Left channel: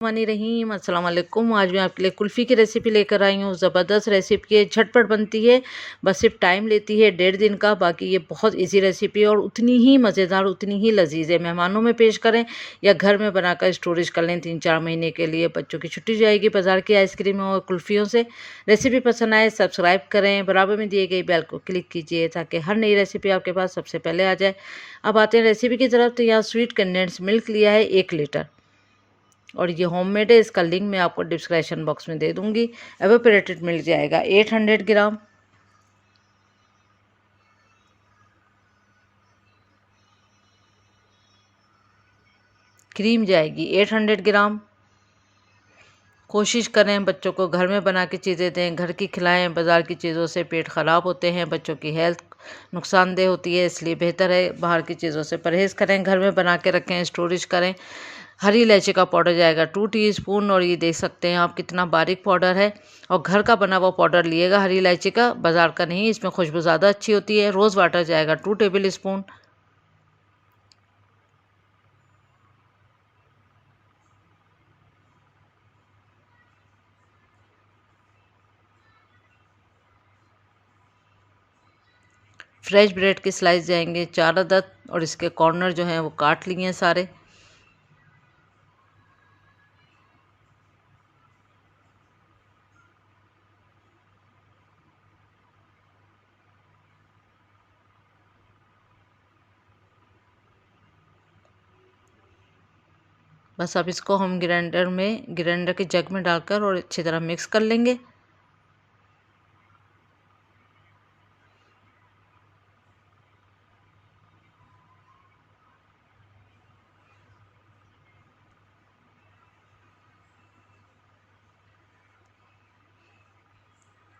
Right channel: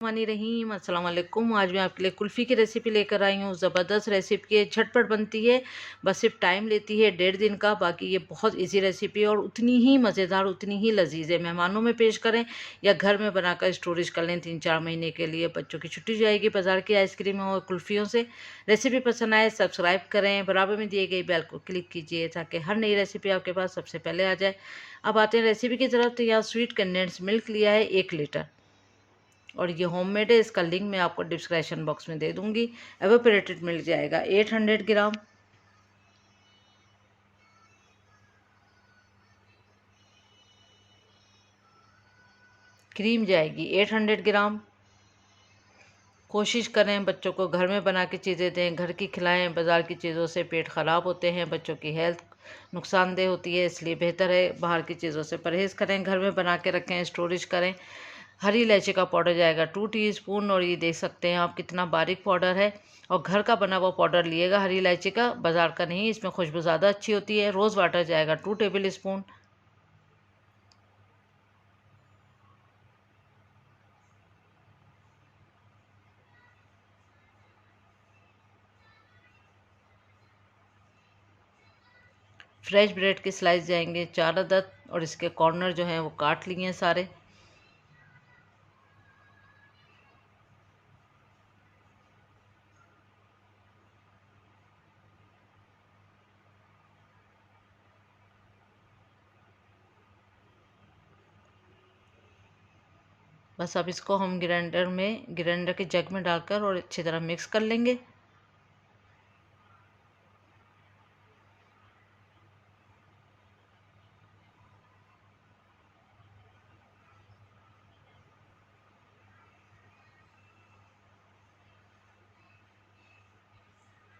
रहीम अस्सलाम वालेकुम। आज मैं आपके लिए कुल्फ़ी की रेसिपी लेकर आई हूँ। ज़बरदस्त रेसिपी है, झटपट बनती है, बस सिर्फ टाइम लेती है 1.5 दिन का। बाकी ये बहुत इजी रेसिपी है और उतनी ही मज़ेदार, उतनी ही लजीज है। मेहमानों में पेश करें या घर में बनाकर स्टोरेज कर लें 3-4 महीने के लिए। बच्चों की छुट्टी जाएगी बाज़ार की आइसक्रीम और कुल्फ़ियों से। रेसिपी पसंद आए सब्सक्राइब करें, बराबर में दिए गई बेल को क्लिक कीजिए ताकि हर नई रेसिपी आपके पास सबसे पहले आ जाए। अब आते हैं रेसिपी की तरफ। तो यहाँ स्वीट कंडेंस मिल्क लिया है 1 लीटर और ये होममेड है। इसका लिंक मैं आपको डिस्क्रिप्शन बॉक्स में दे दूंगी। एवापोरेटेड मिल्क जाएगा 800 ग्राम। क्रीम जाएगी 800 ग्राम। कोशिश करें बच्चों को घर में बना के चीज़ें दें, घर की खिलाएं। बाज़ार की चीज़ों से पेट ख़राब होते हैं, बच्चों की हेल्थ नुकसानदेह होती है, इसलिए बेहतर है बाहर की चीज़ों से परहेज़ करें, घर में बना के रखें, स्टोरेज करें। हरी इलायची का पाउडर जाएगा 2 टीस्पून और ये देख सकते हैं आप कितना बारीक पाउडर है। और घर का बना हुआ पाउडर लिएगा हरी इलायची का, बाज़ार का नहीं, इसमें खुशबू ज़्यादा अच्छी होती है। रोज़ वाटर जाएगा 2 टेबल स्पून। फ्रेश ब्रेड के स्लाइस जाएंगे 4 अदद और इसके कॉर्नर जो हैं वो काट लिए हैं सारे। बस अब इसको हम ग्राइंडर के जग में डालकर और अच्छी तरह मिक्स कर लेंगे।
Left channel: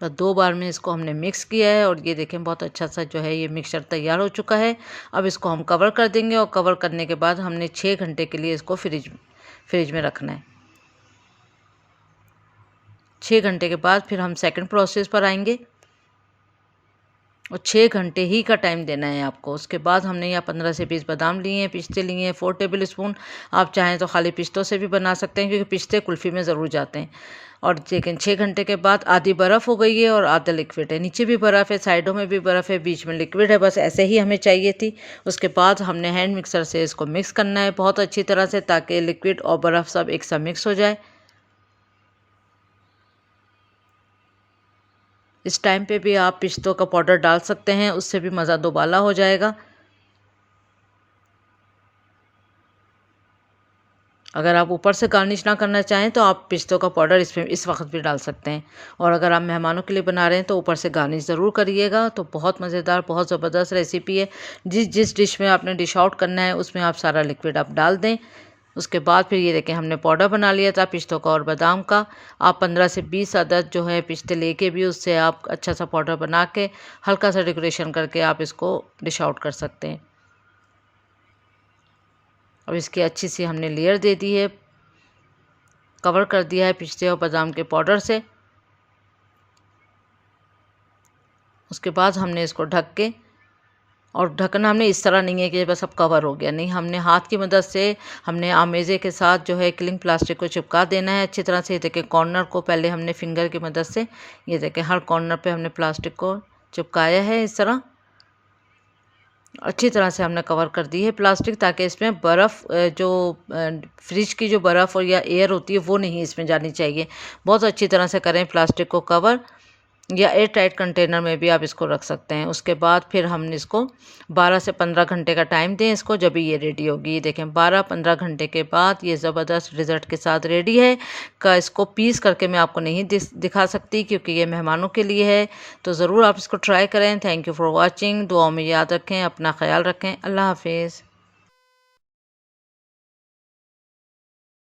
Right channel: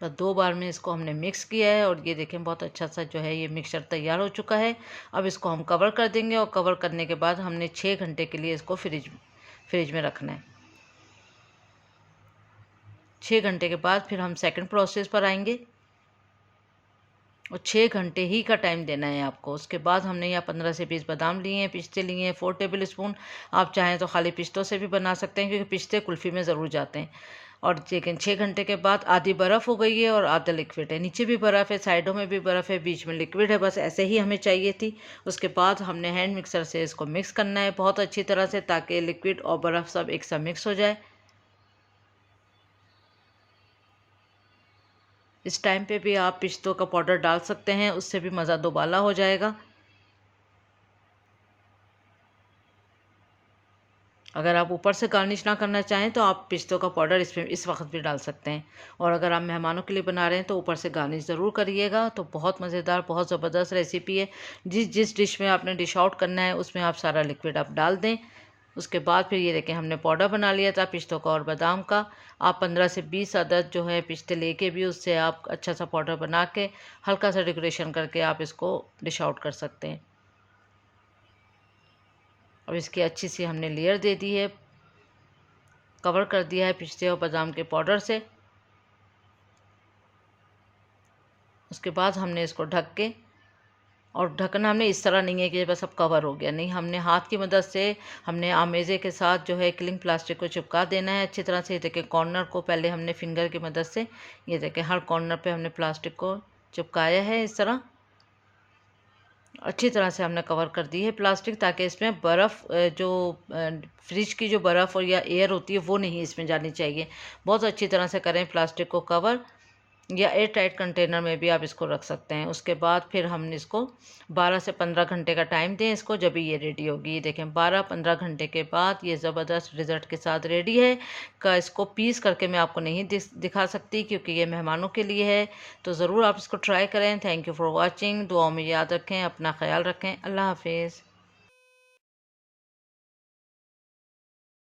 बस 2 बार में इसको हमने मिक्स किया है और ये देखें बहुत अच्छा सा जो है ये मिक्सचर तैयार हो चुका है। अब इसको हम कवर कर देंगे और कवर करने के बाद हमने 6 घंटे के लिए इसको फ्रिज में रखना है। 6 घंटे के बाद फिर हम सेकंड प्रोसेस पर आएंगे और 6 घंटे ही का टाइम देना है आपको। उसके बाद हमने यहाँ 15 से 20 बादाम लिए हैं, पिस्ते लिए हैं 4 टेबल स्पून। आप चाहें तो खाली पिस्तों से भी बना सकते हैं क्योंकि पिस्ते कुल्फ़ी में ज़रूर जाते हैं। और लेकिन 6 घंटे के बाद आधी बर्फ़ हो गई है और आधा लिक्विड है। नीचे भी बर्फ़ है, साइडों में भी बर्फ़ है, बीच में लिक्विड है। बस ऐसे ही हमें चाहिए थी। उसके बाद हमने हैंड मिक्सर से इसको मिक्स करना है बहुत अच्छी तरह से ताकि लिक्विड और बर्फ़ सब एक साथ मिक्स हो जाए। इस टाइम पे भी आप पिस्तों का पाउडर डाल सकते हैं, उससे भी मज़ा दोबाला हो जाएगा। अगर आप ऊपर से गार्निश ना करना चाहें तो आप पिस्तों का पाउडर इसमें इस वक्त भी डाल सकते हैं। और अगर आप मेहमानों के लिए बना रहे हैं तो ऊपर से गार्निश ज़रूर करिएगा। तो बहुत मज़ेदार, बहुत ज़बरदस्त रेसिपी है। जिस जिस डिश में आपने डिश आउट करना है उसमें आप सारा लिक्विड आप डाल दें। उसके बाद फिर ये देखें हमने पाउडर बना लिया था पिस्तों का और बादाम का। आप 15 से 20 अदद जो है पिस्ते लेके भी उससे आप अच्छा सा पाउडर बना के हल्का सा डेकोरेशन करके आप इसको डिश आउट कर सकते हैं। अब इसकी अच्छी सी हमने लेयर दे दी है, कवर कर दिया है पिस्ते और बादाम के पाउडर से। उसके बाद हमने इसको ढक के, और ढकना हमने इस तरह नहीं है कि बस अब कवर हो गया, नहीं, हमने हाथ की मदद से हमने आमेज़े के साथ जो है क्लिंग प्लास्टिक को चिपका देना है अच्छी तरह से। देखें कॉर्नर को पहले हमने फिंगर की मदद से, ये देखें हर कॉर्नर पे हमने प्लास्टिक को चिपकाया है इस तरह। अच्छी तरह से हमने कवर कर दी है प्लास्टिक ताकि इसमें बर्फ़ जो फ्रिज की जो बर्फ़ और या एयर होती है वो नहीं इसमें जानी चाहिए। बहुत अच्छी तरह से करें प्लास्टिक को कवर, या एयर टाइट कंटेनर में भी आप इसको रख सकते हैं। उसके बाद फिर हम इसको 12 से 15 घंटे का टाइम दें इसको, जब भी ये रेडी होगी। ये देखें 12-15 घंटे के बाद ये ज़बरदस्त रिज़ल्ट के साथ रेडी है। का इसको पीस करके मैं आपको नहीं दिखा सकती क्योंकि ये मेहमानों के लिए है। तो ज़रूर आप इसको ट्राई करें। Thank you for watching. दुआओं में याद रखें, अपना ख्याल रखें। अल्लाह हाफिज़।